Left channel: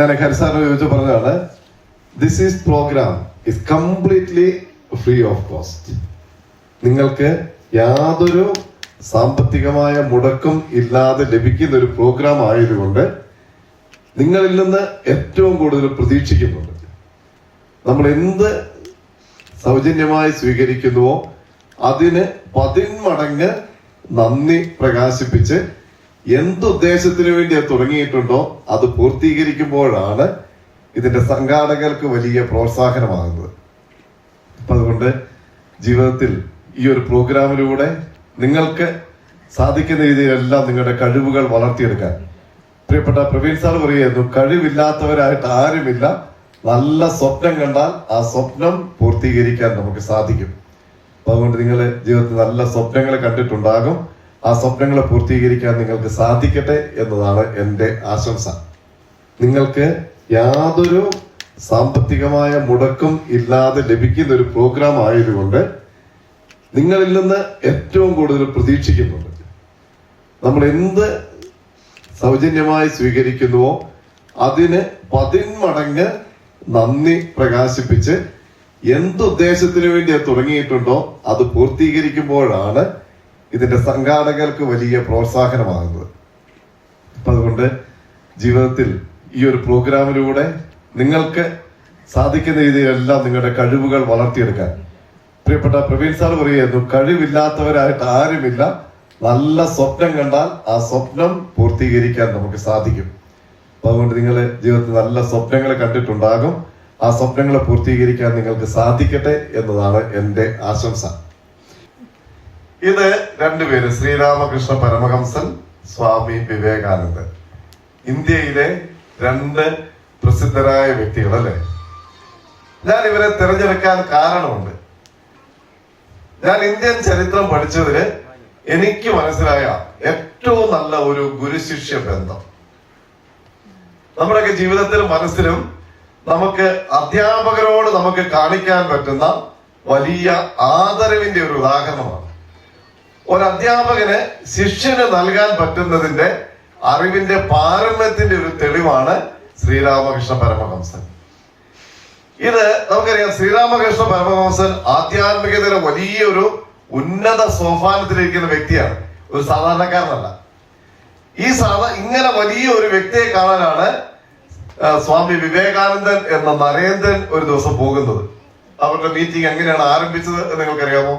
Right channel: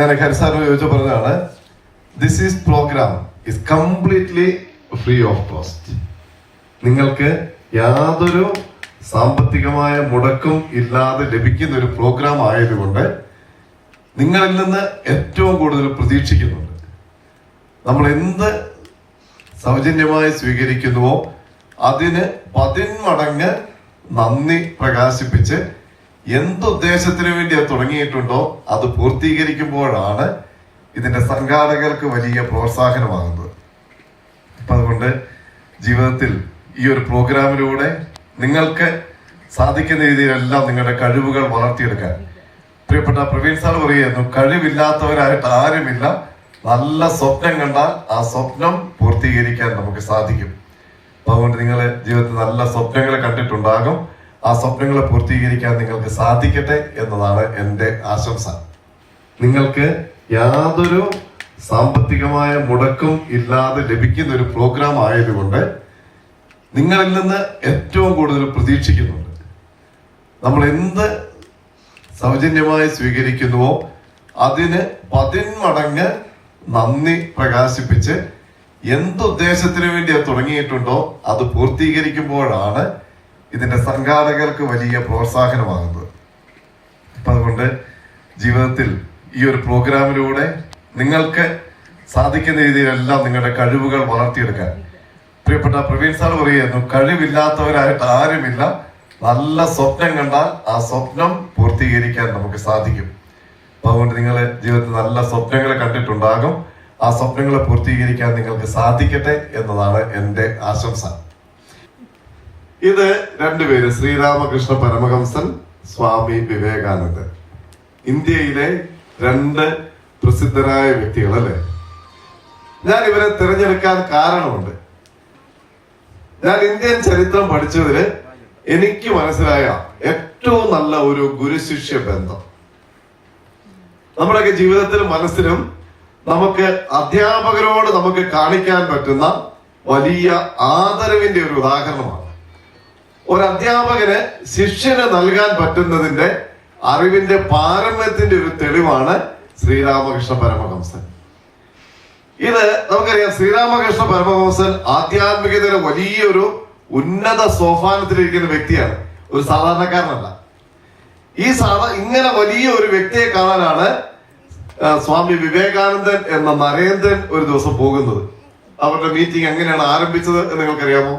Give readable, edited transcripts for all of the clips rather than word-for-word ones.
ഞാൻ ഹരിസാറിന് ചോദിച്ചു പറഞ്ഞതാണ്, this is programme is completely free of cost. നിങ്ങൾക്ക് യാതൊരു സാമ്പത്തികമായ മുടക്കും ഇല്ലാതെ ലഭിക്കുന്ന ഒരു പ്രോഗ്രാം ആയതുകൊണ്ട് നിങ്ങളിൽ നിന്ന് ഏറ്റവും കൂടുതൽ പ്രതീക്ഷിക്കുന്നുണ്ട്. നമ്മൾ എന്ത് സൗജന്യമായി സ്വീകരിക്കുന്നുവോ അതിന് 10 മടങ്ങ് നന്ദി പ്രകാശിപ്പിച്ച് എന്തുദ്ദേശത്തിന് വേണ്ടി അത് തുടങ്ങിയിട്ടുണ്ടോ അത് പൂർത്തീകരിക്കുമ്പോഴാണ് ഇതിന്റെ സംഘാടകർക്ക് വലിയ പ്രോത്സാഹനമാകുന്നത്. അപ്പൊ അതുകൊണ്ട് ജീവിതത്തിൽ ഈ ഒരു പ്രോഗ്രാമിലൂടെ നിങ്ങൾക്ക് സാധിക്കുന്ന രീതിയിലെല്ലാം നിങ്ങളുടെ കഴിവുകൾ വളർത്തിയെടുക്കാൻ. പ്രിയപ്പെട്ട പ്രവീൺ സാർ പറയുന്നു, കഴിവില്ലാത്തവരായിട്ട് ആരുമില്ല, നല്ല സ്വപ്നം കണ്ടാൽ ആ സ്വപ്നം പൂർത്തീകരിക്കാൻ നമുക്ക് സാധിക്കും. അപ്പൊ അതുകൊണ്ട് നിങ്ങൾ ജീവിതത്തിൽ നല്ല സ്വപ്നങ്ങൾ കണ്ടിട്ടുണ്ടാകും. ആ സ്വപ്നങ്ങളെ പൂർത്തീകരിക്കാൻ നിങ്ങൾക്ക് സാധിക്കട്ടെ എന്നതാണ് എൻ്റെ ആശംസ. നിങ്ങൾക്ക് യാതൊരു സാമ്പത്തികമായ മുടക്കും ഇല്ലാതെ ലഭിക്കുന്ന ഒരു പ്രോഗ്രാം ആയതുകൊണ്ട് നിങ്ങളിൽ നിന്ന് ഏറ്റവും കൂടുതൽ പ്രതീക്ഷിക്കുന്നുണ്ട്. നമ്മൾ എന്ത് സൗജന്യമായി സ്വീകരിക്കുന്നുവോ അതിന് 10 മടങ്ങ് നന്ദി പ്രകാശിപ്പിച്ച് എന്തുദ്ദേശത്തിന് വേണ്ടി അത് തുടങ്ങിയിട്ടുണ്ടോ അത് പൂർത്തീകരിക്കുമ്പോഴാണ് ഇതിന്റെ സംഘാടകർക്ക് വലിയ പ്രോത്സാഹനമാകുന്നത്. അപ്പൊ അതുകൊണ്ട് ജീവിതത്തിൽ ഈ ഒരു പ്രോഗ്രാമിലൂടെ നിങ്ങൾക്ക് സാധിക്കുന്ന രീതിയിലെല്ലാം നിങ്ങളുടെ കഴിവുകൾ വളർത്തിയെടുക്കാൻ. പ്രിയപ്പെട്ട പ്രവീൺ സാർ പറയുന്നു, കഴിവില്ലാത്തവരായിട്ട് ആരുമില്ല, നല്ല സ്വപ്നം കണ്ടാൽ ആ സ്വപ്നം പൂർത്തീകരിക്കാൻ നമുക്ക് സാധിക്കും. അപ്പൊ അതുകൊണ്ട് നിങ്ങൾ ജീവിതത്തിൽ നല്ല സ്വപ്നങ്ങൾ കണ്ടിട്ടുണ്ടാകും. ആ സ്വപ്നങ്ങളെ പൂർത്തീകരിക്കാൻ നിങ്ങൾക്ക് സാധിക്കട്ടെ എന്നതാണ് എൻ്റെ ആശംസ. ഇത് 2 പേര്, ശ്രീരാമകൃഷ്ണ പരമഹംസൻ, സ്വാമി വിവേകാനന്ദൻ. ഇന്ത്യയിലെ 2 പ്രസിദ്ധരായ വ്യക്തികൾ അല്ലെ. ഞാൻ ഇവരെ തിരഞ്ഞെടുക്കാൻ കാരണമുണ്ട്. ഞാൻ ഇന്ത്യൻ ചരിത്രം പഠിച്ചതില് എനിക്ക് മനസ്സിലായ ഏറ്റവും നല്ല ഒരു ഗുരുശിഷ്യ ബന്ധം നമ്മുടെയൊക്കെ ജീവിതത്തിലും മനസ്സിലും നമുക്ക് അധ്യാപകരോട് നമുക്ക് കാണിക്കാൻ പറ്റുന്ന വലിയ ആദരവിന്റെ ഒരു ഉദാഹരണമാണ്. ഒരു അധ്യാപകന് ശിഷ്യന് നൽകാൻ പറ്റുന്നതിന്റെ അറിവിന്റെ പാരമ്യത്തിന്റെ ഒരു തെളിവാണ് ശ്രീരാമകൃഷ്ണ പരമഹംസൻ. ഇത് നമുക്കറിയാം, ശ്രീരാമകൃഷ്ണ പരമഹംസൻ ആധ്യാത്മികതയുടെ വലിയൊരു ഉന്നത സോപാനത്തിലിരിക്കുന്ന വ്യക്തിയാണ്, ഒരു സാധാരണക്കാരനല്ല. ഇങ്ങനെ വലിയ ഒരു വ്യക്തിയെ കാണാനാണ് സ്വാമി വിവേകാനന്ദൻ എന്ന നരേന്ദ്രൻ ഒരു ദിവസം പോകുന്നത്. അവരുടെ മീറ്റിംഗ് എങ്ങനെയാണ് ആരംഭിച്ചത് എന്ന് നിങ്ങൾക്കറിയാമോ?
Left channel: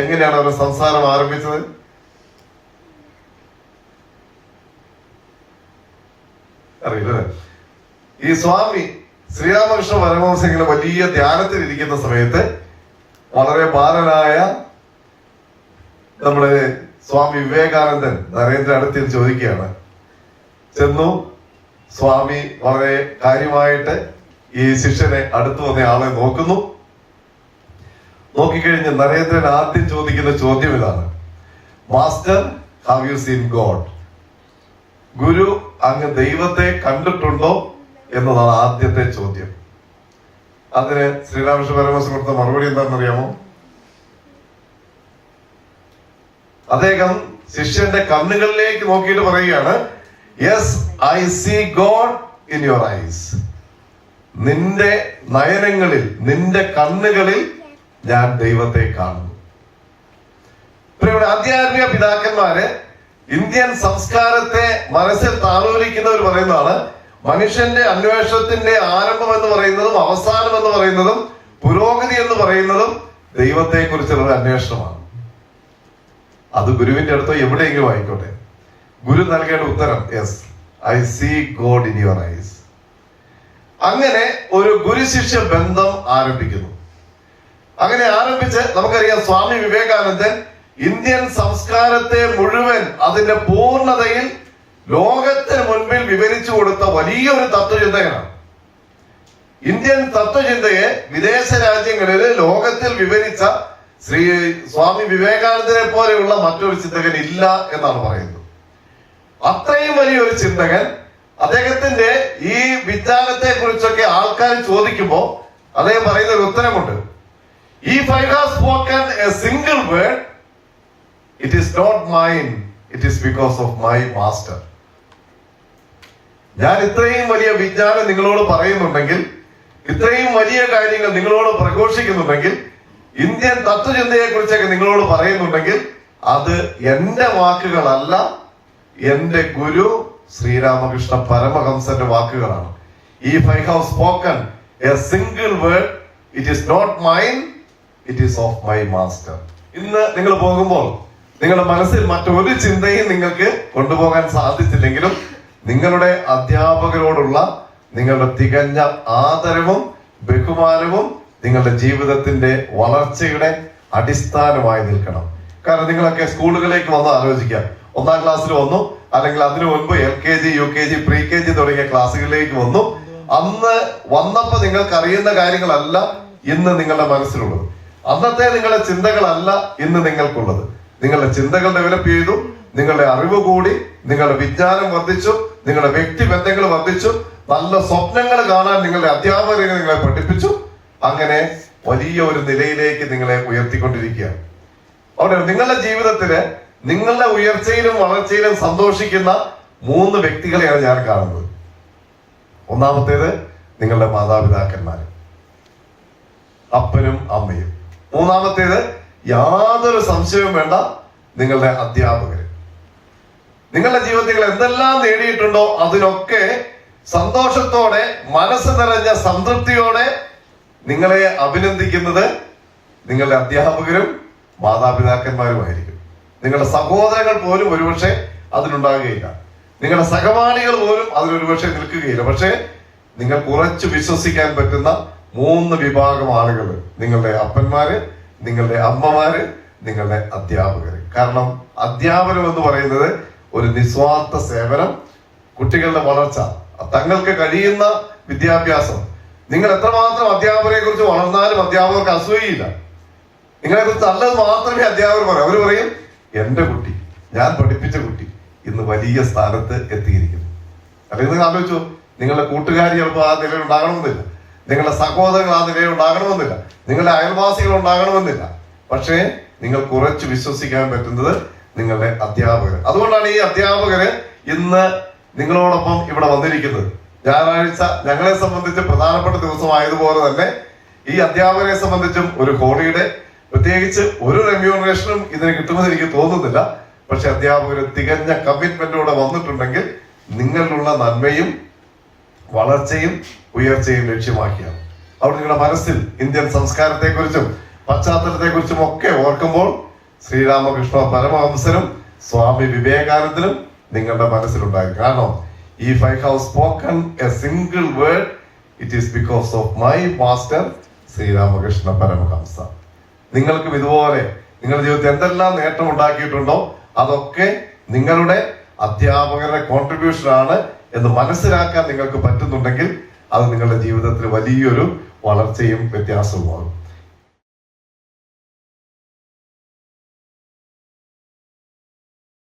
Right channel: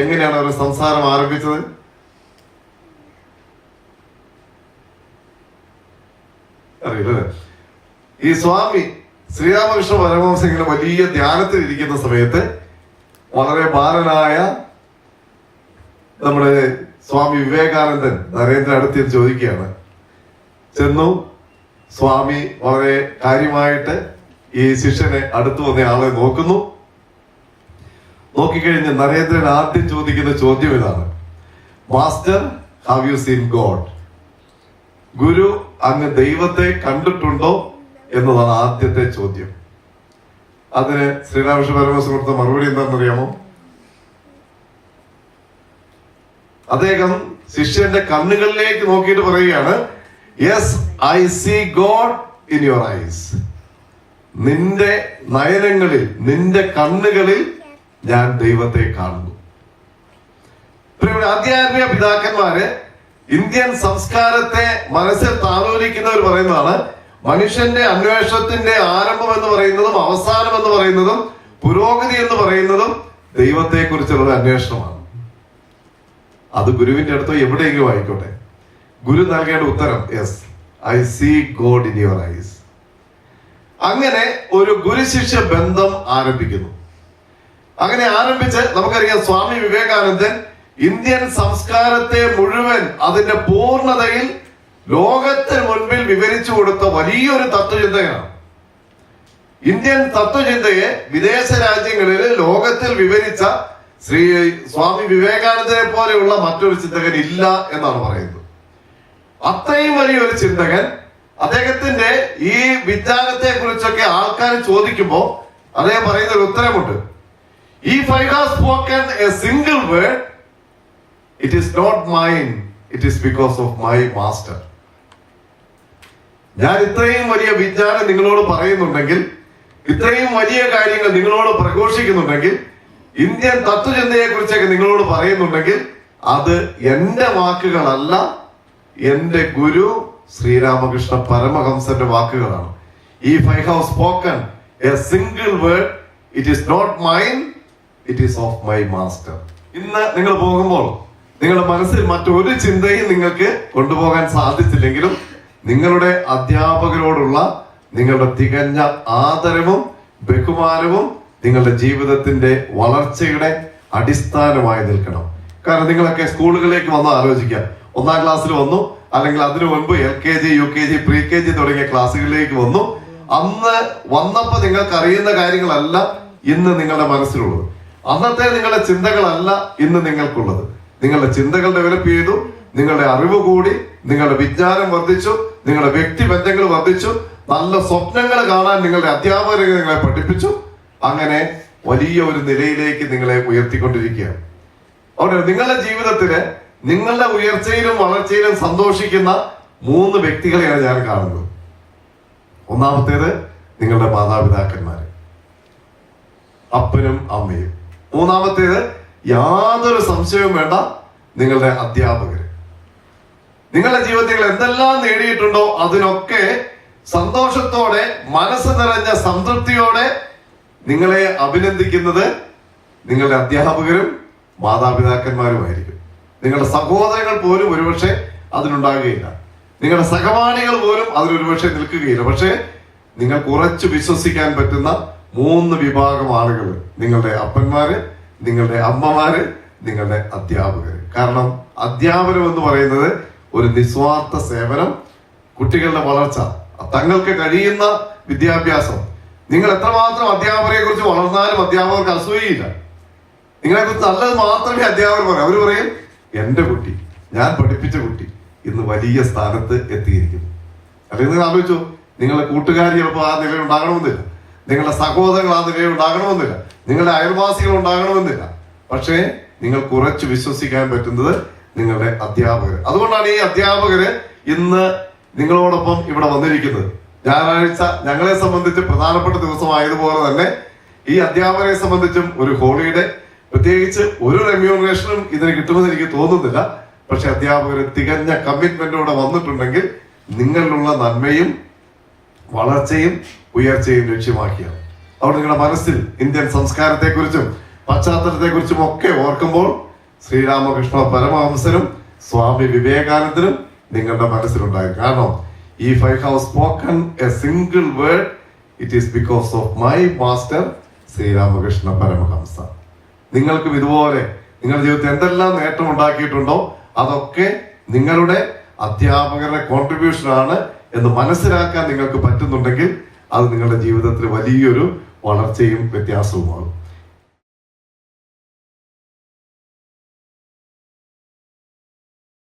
എങ്ങനെയാണ് അവരുടെ സംസാരം ആരംഭിച്ചത്? അറിയില്ല. ഈ സ്വാമി ശ്രീരാമകൃഷ്ണ പരമഹംസൻ ഇങ്ങനെ വലിയ ധ്യാനത്തിൽ ഇരിക്കുന്ന സമയത്ത് വളരെ ബാലനായ നമ്മുടെ സ്വാമി വിവേകാനന്ദൻ നരേന്ദ്രൻ അടുത്ത് ചോദിക്കുകയാണ്. ചെന്നു സ്വാമി വളരെ കാര്യമായിട്ട് ഈ ശിഷ്യനെ അടുത്തു വന്ന ആളെ നോക്കുന്നു. നോക്കിക്കഴിഞ്ഞ് നരേന്ദ്രൻ ആദ്യം ചോദിക്കുന്ന ചോദ്യം ഇതാണ്, master, have you seen God? ഗുരു, അങ്ങ് ദൈവത്തെ കണ്ടിട്ടുണ്ടോ എന്നതാണ് ആദ്യത്തെ ചോദ്യം. അതിന് ശ്രീരാമകൃഷ്ണ പരമഹംസൻ കൊടുത്ത മറുപടി എന്താണെന്ന് അറിയാമോ? അദ്ദേഹം ശിഷ്യന്റെ കണ്ണുകളിലേക്ക് നോക്കിയിട്ട് പറയുകയാണ്, yes, I see God in your eyes. നിന്റെ നയനങ്ങളിൽ, നിന്റെ കണ്ണുകളിൽ ഞാൻ ദൈവത്തെ കാണുന്നു. ആധ്യാത്മിക പിതാക്കന്മാര് ഇന്ത്യൻ സംസ്കാരത്തെ മനസ്സിൽ താലോലിക്കുന്നവർ പറയുന്നതാണ്, മനുഷ്യന്റെ അന്വേഷണത്തിന്റെ ആരംഭം എന്ന് പറയുന്നതും അവസാനം എന്ന് പറയുന്നതും പുരോഗതി എന്ന് പറയുന്നതും ദൈവത്തെ കുറിച്ചുള്ള അന്വേഷണമാണ്. അത് ഗുരുവിന്റെ അടുത്തോ എവിടെയെങ്കിലും ആയിക്കോട്ടെ, ഗുരു നൽകേണ്ട ഉത്തരം yes, I see God in your eyes. അങ്ങനെ ഒരു ഗുരുശിഷ്യ ബന്ധം ആരംഭിക്കുന്നു. അങ്ങനെ ആരംഭിച്ച് നമുക്കറിയാം, സ്വാമി വിവേകാനന്ദൻ ഇന്ത്യൻ സംസ്കാരത്തെ മുഴുവൻ അതിന്റെ പൂർണ്ണതയിൽ ലോകത്തിന് മുൻപിൽ വിവരിച്ചു കൊടുത്ത വലിയൊരു തത്വചിന്തകനാണ്. ഇന്ത്യൻ തത്വചിന്തയെ വിദേശ രാജ്യങ്ങളിൽ ലോകത്തിൽ വിവരിച്ച സ്വാമി വിവേകാനന്ദനെ പോലെയുള്ള മറ്റൊരു ചിന്തകൻ ഇല്ല എന്നാണ് പറയുന്നത്. അത്രയും വലിയൊരു ചിന്തകൻ, അദ്ദേഹത്തിന്റെ ഈ വിജ്ഞാനത്തെ കുറിച്ചൊക്കെ ആൾക്കാർ ചോദിക്കുമ്പോൾ അദ്ദേഹം പറയുന്ന ഒരു ഉത്തരമുണ്ട്. If I have spoken a single word, it is not mine, it is because of my master. ഞാൻ ഇത്രയും വലിയ വിജ്ഞാനം നിങ്ങളോട് പറയുന്നുണ്ടെങ്കിൽ, ഇത്രയും വലിയ കാര്യങ്ങൾ നിങ്ങളോട് പ്രഘോഷിക്കുന്നുണ്ടെങ്കിൽ, ഇന്ത്യൻ തത്വചിന്തയെ കുറിച്ചൊക്കെ നിങ്ങളോട് പറയുന്നുണ്ടെങ്കിൽ, അത് എന്റെ വാക്കുകളല്ല, എന്റെ ഗുരു ശ്രീരാമകൃഷ്ണ പരമഹംസന്റെ വാക്കുകളാണ്. If I have spoken a single word, it is not mine, it is of my master. ഇന്ന് നിങ്ങൾ പോകുമ്പോൾ നിങ്ങളുടെ മനസ്സിൽ മറ്റൊരു ചിന്തയും നിങ്ങൾക്ക് കൊണ്ടുപോകാൻ സാധിച്ചില്ലെങ്കിലും, നിങ്ങളുടെ അധ്യാപകരോടുള്ള നിങ്ങളുടെ തികഞ്ഞ ആദരവും ബഹുമാനവും നിങ്ങളുടെ ജീവിതത്തിന്റെ വളർച്ചയുടെ അടിസ്ഥാനമായി നിൽക്കണം. കാരണം നിങ്ങളൊക്കെ സ്കൂളുകളിലേക്ക് വന്ന് ആലോചിക്കാം. 1ാം ക്ലാസ്സിൽ വന്നു, അല്ലെങ്കിൽ അതിനു മുൻപ് LKG, UKG, pre-KG തുടങ്ങിയ ക്ലാസ്സുകളിലേക്ക് വന്നു. അന്ന് വന്നപ്പോ നിങ്ങൾക്ക് അറിയുന്ന കാര്യങ്ങളല്ല ഇന്ന് നിങ്ങളുടെ മനസ്സിലുള്ളത്. അന്നത്തെ നിങ്ങളുടെ ചിന്തകളല്ല ഇന്ന് നിങ്ങൾക്കുള്ളത്. നിങ്ങളുടെ ചിന്തകൾ ഡെവലപ്പ് ചെയ്തു, നിങ്ങളുടെ അറിവ് കൂടി, നിങ്ങളുടെ വിജ്ഞാനം വർദ്ധിച്ചു, നിങ്ങളുടെ വ്യക്തിബന്ധങ്ങൾ വർദ്ധിച്ചു, നല്ല സ്വപ്നങ്ങൾ കാണാൻ നിങ്ങളുടെ അധ്യാപകരെ നിങ്ങളെ പഠിപ്പിച്ചു. അങ്ങനെ വലിയ ഒരു നിലയിലേക്ക് നിങ്ങളെ ഉയർത്തിക്കൊണ്ടിരിക്കുകയാണ്. അവിടെ നിങ്ങളുടെ ജീവിതത്തില് നിങ്ങളുടെ ഉയർച്ചയിലും വളർച്ചയിലും സന്തോഷിക്കുന്ന 3 വ്യക്തികളെയാണ് ഞാൻ കാണുന്നത്. ഒന്നാമത്തേത് നിങ്ങളുടെ മാതാപിതാക്കന്മാര്, അപ്പനും അമ്മയും. 3ാമത്തേത് യാതൊരു സംശയവും വേണ്ട, നിങ്ങളുടെ അധ്യാപകർ. നിങ്ങളുടെ ജീവിതത്തിൽ എന്തെല്ലാം നേടിയിട്ടുണ്ടോ അതിനൊക്കെ സന്തോഷത്തോടെ, മനസ്സ് നിറഞ്ഞ സംതൃപ്തിയോടെ നിങ്ങളെ അഭിനന്ദിക്കുന്നത് നിങ്ങളുടെ അധ്യാപകരും മാതാപിതാക്കന്മാരുമായിരിക്കും. നിങ്ങളുടെ സഹോദരങ്ങൾ പോലും ഒരുപക്ഷെ അതിനുണ്ടാകുകയില്ല, നിങ്ങളുടെ സഹപാഠികൾ പോലും അതിലൊരുപക്ഷെ നിൽക്കുകയില്ല. പക്ഷെ നിങ്ങൾക്ക് ഉറച്ചു വിശ്വസിക്കാൻ പറ്റുന്ന 3 വിഭാഗം ആളുകൾ: നിങ്ങളുടെ അപ്പന്മാര്, നിങ്ങളുടെ അമ്മമാര്, നിങ്ങളുടെ അധ്യാപകർ. കാരണം അധ്യാപനം എന്ന് പറയുന്നത് ഒരു നിസ്വാർത്ഥ സേവനം, കുട്ടികളുടെ വളർച്ച, തങ്ങൾക്ക് കഴിയുന്ന വിദ്യാഭ്യാസം. നിങ്ങൾ എത്രമാത്രം അധ്യാപകരെ കുറിച്ച് വളർന്നാലും അധ്യാപകർക്ക് അസൂയയില്ല. നിങ്ങളെ കുറിച്ച് നല്ലത് മാത്രമേ അധ്യാപകർ പറയും. അവർ പറയും, എന്റെ കുട്ടി, ഞാൻ പഠിപ്പിച്ച കുട്ടി ഇന്ന് വലിയ സ്ഥാനത്ത് എത്തിയിരിക്കുന്നു. അല്ലെങ്കിൽ ആലോചിച്ചു, നിങ്ങളുടെ കൂട്ടുകാരി ചിലപ്പോൾ ആ നിലയിൽ ഉണ്ടാകണമെന്നില്ല, നിങ്ങളുടെ സഹോദരങ്ങൾ ആ നിലയിൽ ഉണ്ടാകണമെന്നില്ല, നിങ്ങളുടെ അയൽവാസികൾ ഉണ്ടാകണമെന്നില്ല. പക്ഷേ നിങ്ങൾ കുറച്ച് വിശ്വസിക്കാൻ പറ്റുന്നത് നിങ്ങളുടെ അധ്യാപകർ. അതുകൊണ്ടാണ് ഈ അധ്യാപകര് ഇന്ന് നിങ്ങളോടൊപ്പം ഇവിടെ വന്നിരിക്കുന്നത്. ഞായറാഴ്ച ഞങ്ങളെ സംബന്ധിച്ച് പ്രധാനപ്പെട്ട ദിവസമായതുപോലെ തന്നെ ഈ അധ്യാപകരെ സംബന്ധിച്ചും ഒരു ഹോളിഡേ, പ്രത്യേകിച്ച് ഒരു റെമ്യൂണറേഷനും ഇതിന് കിട്ടുമെന്ന് എനിക്ക് തോന്നുന്നില്ല. പക്ഷെ അധ്യാപകർ തികഞ്ഞ കമ്മിറ്റ്മെന്റോടെ വന്നിട്ടുണ്ടെങ്കിൽ നിങ്ങളിലുള്ള നന്മയും വളർച്ചയും ഉയർച്ചയും ലക്ഷ്യമാക്കിയാണ്. അവിടെ നിങ്ങളുടെ മനസ്സിൽ ഇന്ത്യൻ സംസ്കാരത്തെക്കുറിച്ചും പശ്ചാത്തലത്തെക്കുറിച്ചും ഒക്കെ ഓർക്കുമ്പോൾ ശ്രീരാമകൃഷ്ണ പരമഹംസനും സ്വാമി വിവേകാനന്ദനും നിങ്ങളുടെ മനസ്സിലുണ്ടായി. കാരണം if I have spoken a single word, it is because of my master Sri Ramakrishna Paramahansa. നിങ്ങൾക്കും ഇതുപോലെ നിങ്ങളുടെ ജീവിതത്തിൽ എന്തെല്ലാം നേട്ടം ഉണ്ടാക്കിയിട്ടുണ്ടോ അതൊക്കെ നിങ്ങളുടെ അധ്യാപകരുടെ കോൺട്രിബ്യൂഷൻ ആണ് എന്ന് മനസ്സിലാക്കാൻ നിങ്ങൾക്ക് പറ്റുന്നുണ്ടെങ്കിൽ അത് നിങ്ങളുടെ ജീവിതത്തിൽ വലിയൊരു വളർച്ചയും വ്യത്യാസവുമാണ്.